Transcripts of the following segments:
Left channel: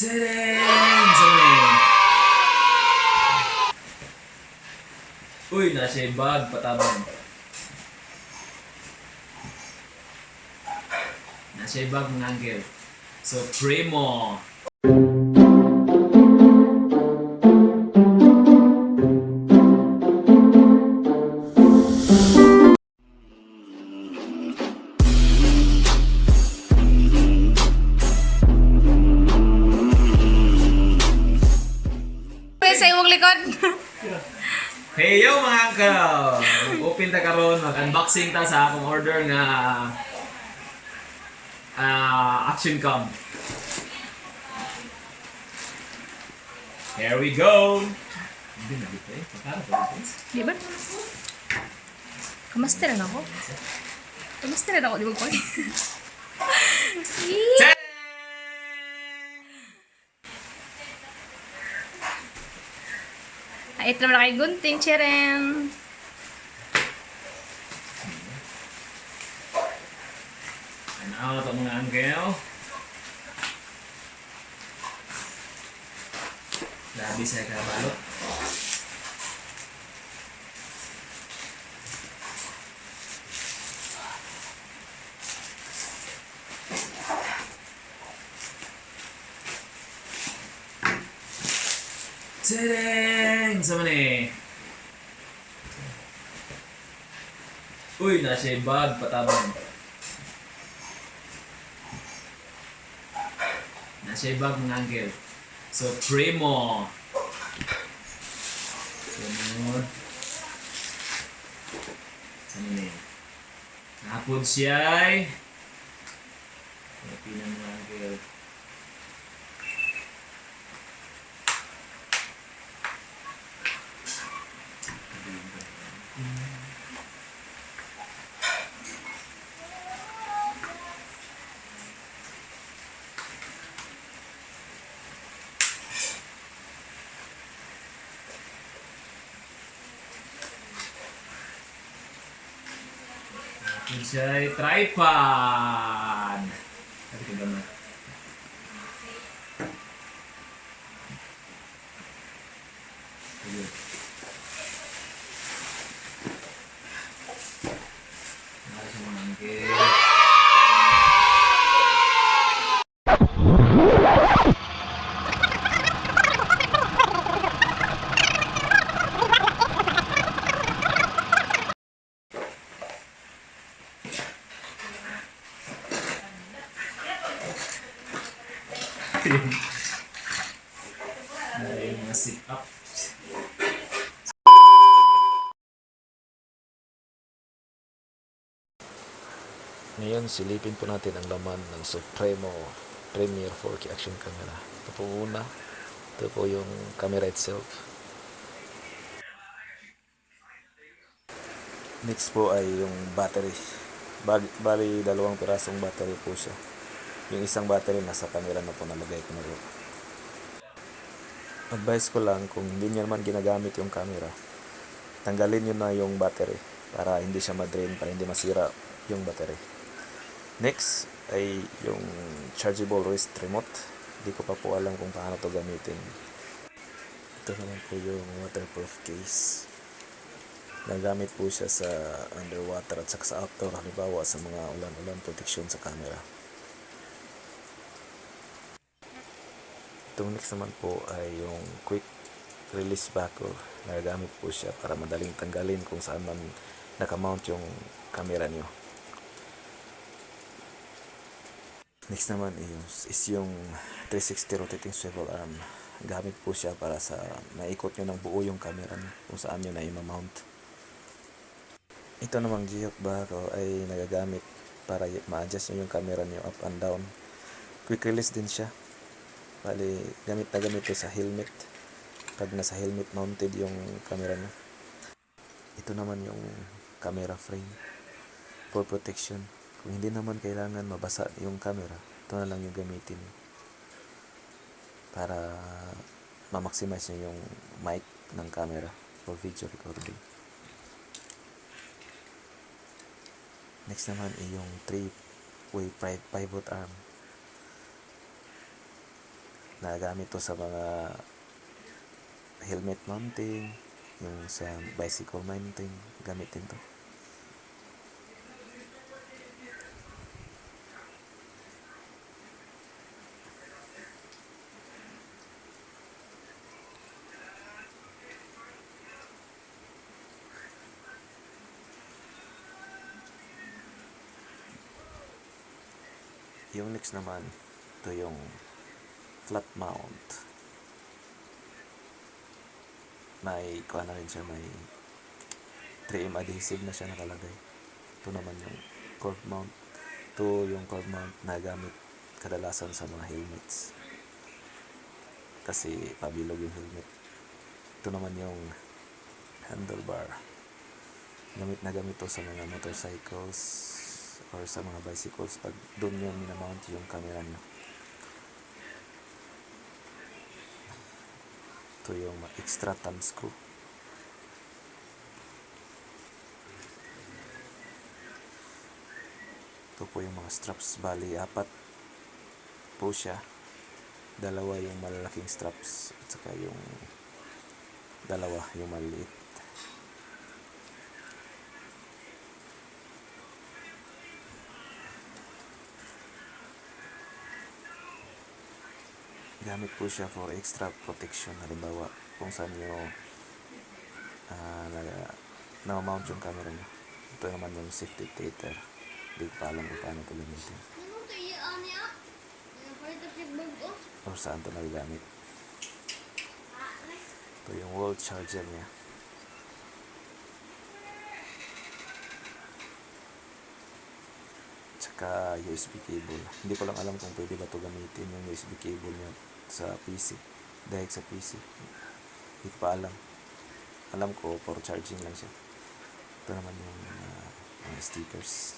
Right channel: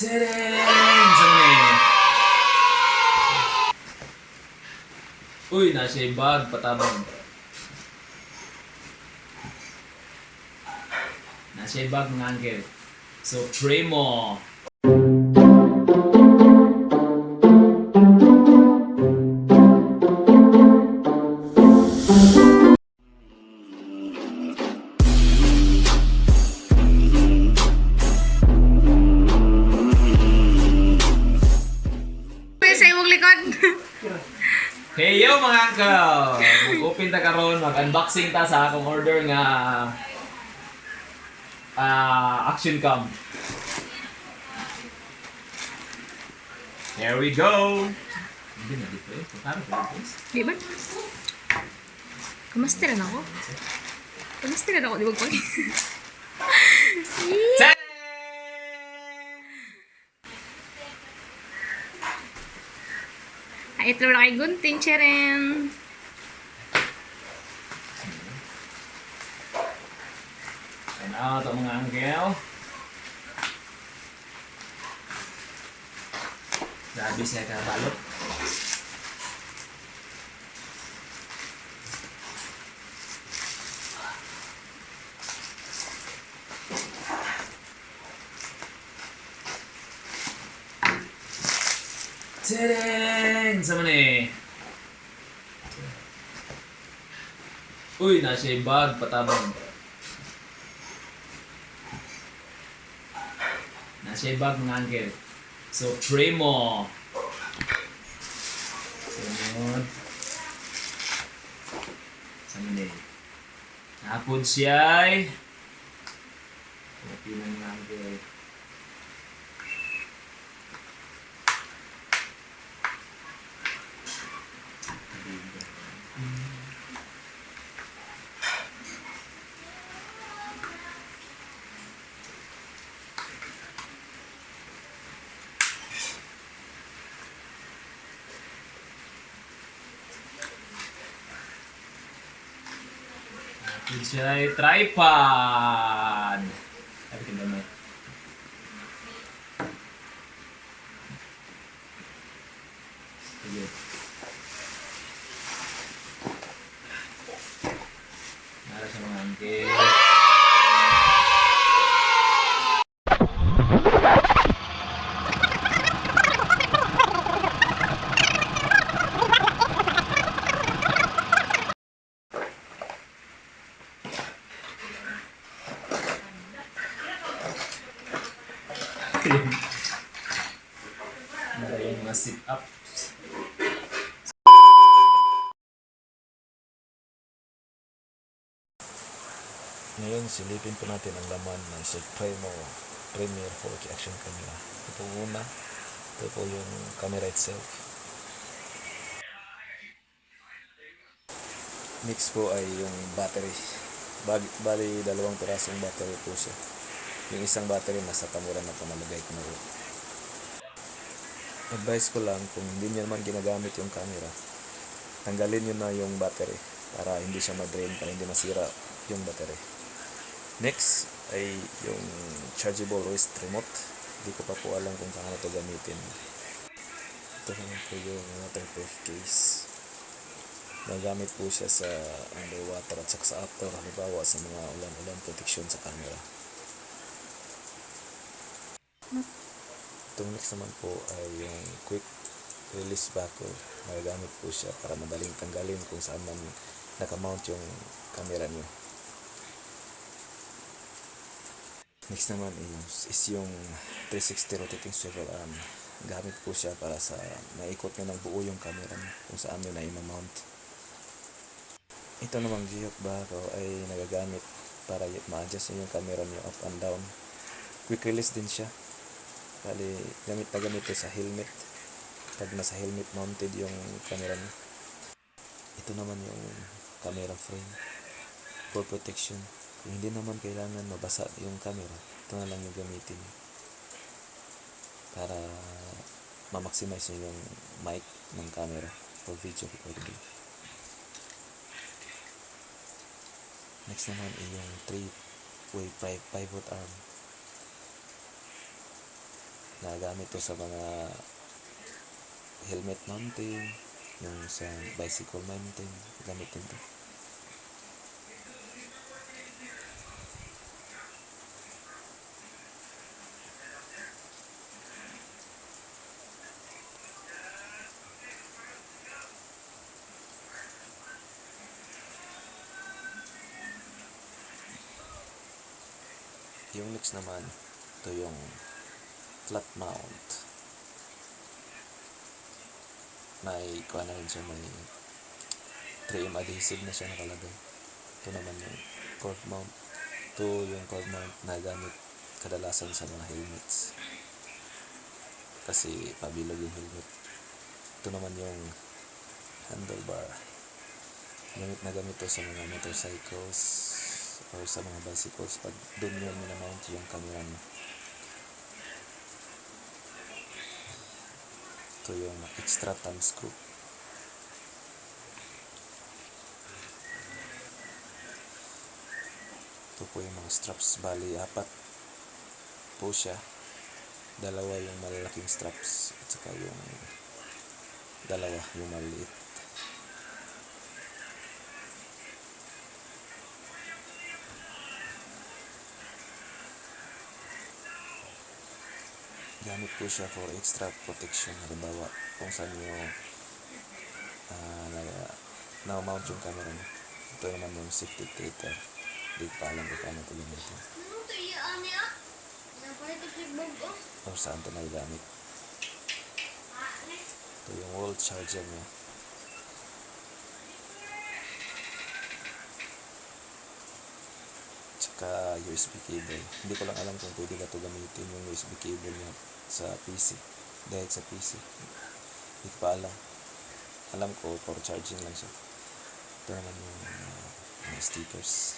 Tadang! Saan na eh? Uy, nasa bag, patabang. Nasa bag mga angkel. So, pray mo. Sa imong likod. Hey yo mga angkel! Mag-open ta karon, mag-unboxing ta sa akong order nga Action Cam. Here we go! Hindi na dito eh. Para pa dito. Di ba? Kamasteran ako. Kamasteran ako, di ba? Tadang! Ay, ito naman kay Gunting, Cheren. Ano ito mga angkel? Grabe siya kabalot. Tadang! Saan na eh? Uy, nasa bag, patabang. Nasa bag mga angkel. So, pray mo. Sunod. Saan na eh? Napod siya ay. Pwede na mga angkel. Napod siya ay tripod. Sabi ka gamit. Sige. Nara sa mga angkel. Nara yung mga sit-ups. Ngayon, silipin po natin ang laman ng Supremo Premier 4K Action Camera. Ito po una. Ito po yung camera itself. Next po ay yung battery. Bali, dalawang pirasong battery po siya. Yung isang battery nasa camera na po, nalagay ko na po. Advice ko lang, kung hindi niya naman ginagamit yung camera, tanggalin nyo na yung battery para hindi siya ma-drain, para hindi masira yung battery. Next ay yung chargeable wrist remote. Hindi ko pa po alam kung paano to gamitin. Ito naman po yung waterproof case. Nagamit po siya sa underwater at saka sa outdoor, halimbawa sa mga ulan-ulan, protection sa camera. Itong next naman po ay yung quick release backer. Nagamit po siya para madaling tanggalin kung saan man nakamount yung camera nyo. Next naman is yung 360 rotating swivel arm. Gamit po siya para sa naikot nyo ng buo yung camera nyo kung saan nyo na i-mount. Ito namang G-Hook barrel ay nagagamit para ma-adjust nyo yung camera nyo up and down. Quick release din siya. Bali, gamit na gamit ito sa helmet. Pag nasa helmet mounted yung camera nyo. Ito naman yung camera frame for protection. Kung hindi naman kailangan mabasa yung camera, ito na lang yung gamitin para ma-maximize nyo yung mic ng camera for video recording. Next naman ay yung 3-way pivot arm. Nagamit to sa mga helmet mounting, yung sa bicycle mounting, gamitin to. Yung next naman, ito yung flat mount. May kuha na rin siya, may 3M adhesive na siya nakalagay. Ito naman yung curve mount. Ito yung curve mount na gamit kadalasan sa mga helmets. Kasi pabilog yung helmet. Ito naman yung handlebar. Gamit na gamit to sa mga motorcycles or sa mga bicycles pag doon yun minamount yung camera nyo. Ito yung extra thumb screw. Ito po yung mga straps. Bali, 4 po siya. 2 yung malalaking straps at saka yung 2 yung maliit. Gamit po siya for extra protection. Halimbawa, kung saan nyo na-mount yung camera nyo. Ito naman yung safety filter. Hindi pa alam kung paano ito gamitin. Or saan ito nagagamit. Ito yung wall charger niya. Tsaka USB cable. Hindi ko lang alam kung pwede ba ito gamitin yung USB cable niya sa PC. Dahil sa PC. Hindi ko pa alam. Alam ko for charging lang siya. Ito naman yung mga stickers.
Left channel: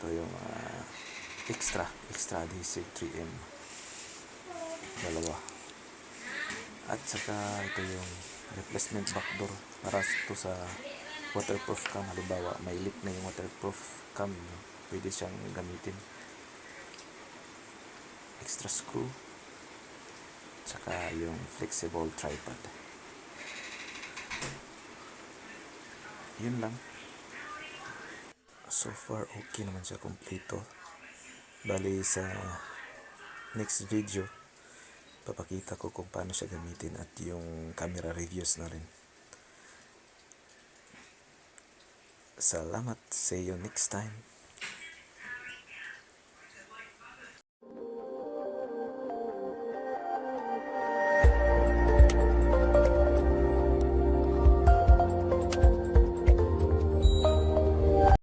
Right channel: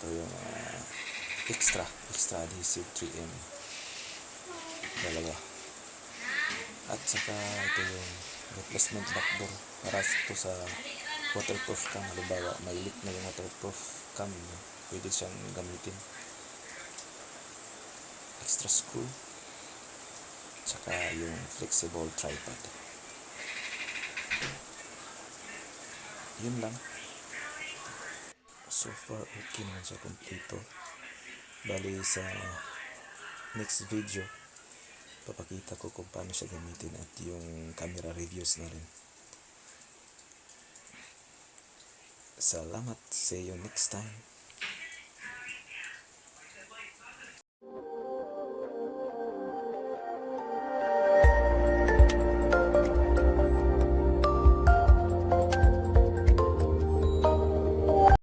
Ito yung extra adhesive 3M. 2. At saka ito yung replacement backdoor para ito sa waterproof cam. Halimbawa may leak na yung waterproof cam, pwede siyang gamitin. Extra screw, tsaka yung flexible tripod. Yun lang. So far okay naman siya, kompleto. Bali sa next video papakita ko kung paano siya gamitin at yung camera reviews na rin. Salamat, see you next time.